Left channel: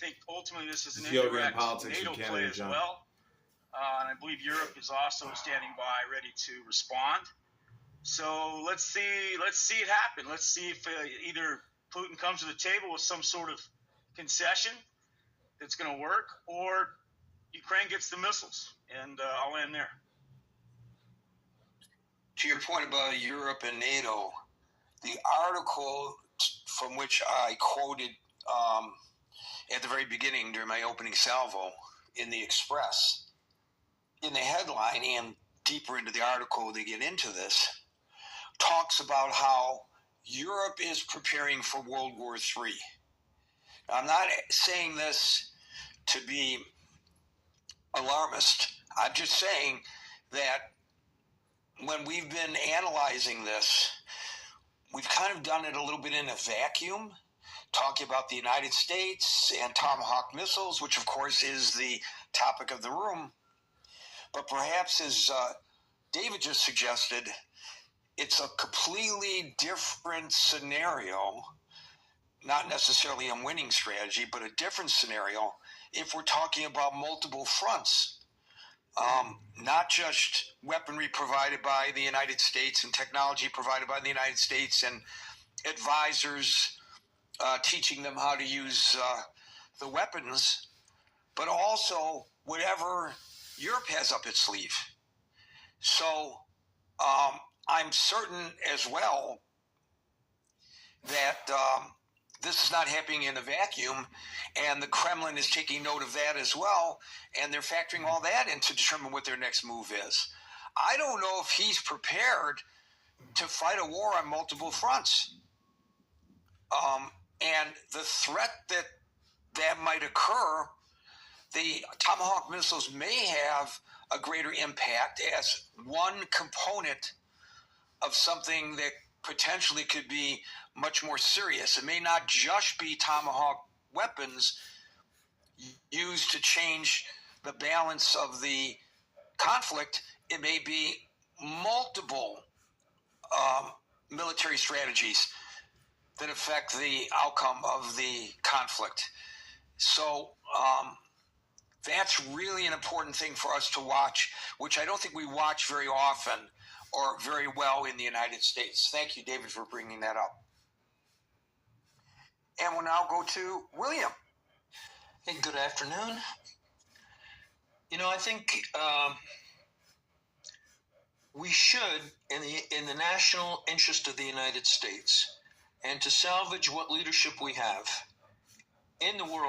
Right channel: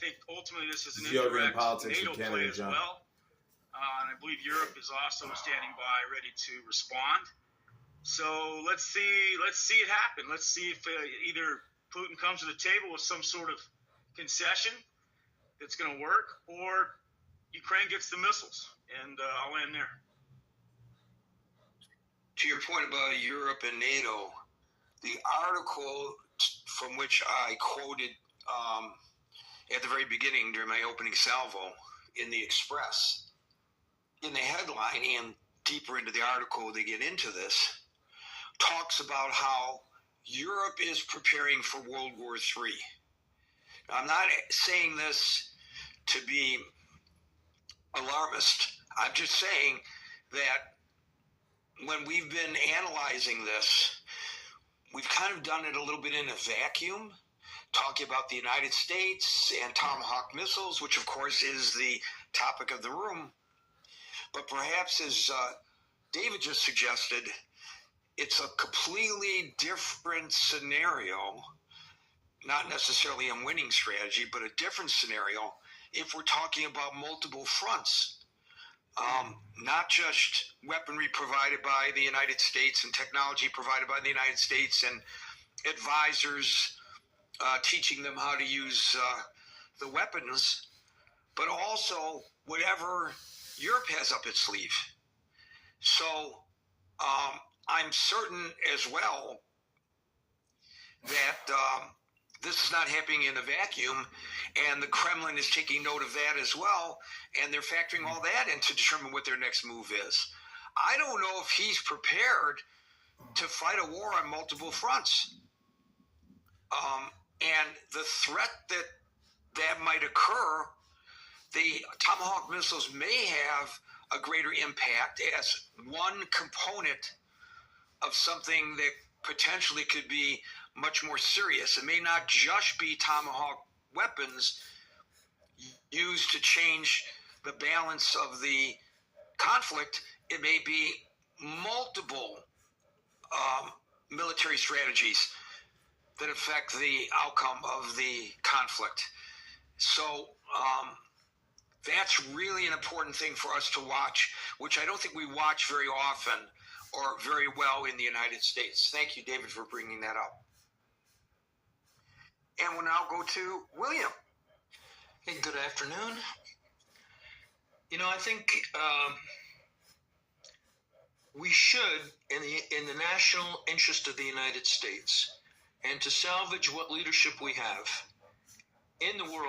think ultimately this is an Yoga and indirect politics NATO in Canada, play as John. well. And I believe Europe is also standing by, ready to respond. So let's see it happen. Let's see if either Putin comes to the table with some sort of concession that's going to work, or Ukraine gets the missiles. And I'll end there. To your point about Europe and NATO, the article from which I quoted at the very beginning during my opening salvo in the Express, in the headline and deeper into the article they get into this, talks about how Europe is preparing for World War III. I'm not saying this to be alarmist. I'm just saying that when we've been analyzing this, we've kind of done it a little bit in a vacuum, talking about the United States and Tomahawk missiles, which of course is the topic of the room. But perhaps, as David just suggested, it's a completely different scenario, not necessarily a winning strategy, but a different scenario if we're talking about multiple fronts. Not just weaponry provided by the United States and technology provided by the United States and advisors teaching them how to use the weapons, but also whatever Europe has up its sleeve. So I'm certain as well that this is not happening in a vacuum, and the Kremlin is taking note of that as well, and they're factoring all that in to determine what their next move is. I don't know if he's prepared to fight a war on multiple fronts. And the threat that might occur, the Tomahawk missiles may have a greater impact as one component of something that potentially could be much more serious. It may not just be Tomahawk weapons used to change the balance of the conflict. It may be multiple military strategies that affect the outcome of the conflict. So that's really an important thing for us to watch, which I don't think we watch very often or very well in the United States. Thank you, David, for bringing that up. And we'll now go to William. Hey, good afternoon. You know, I think we should, in the national interest of the United States, and to salvage what leadership we have in the world,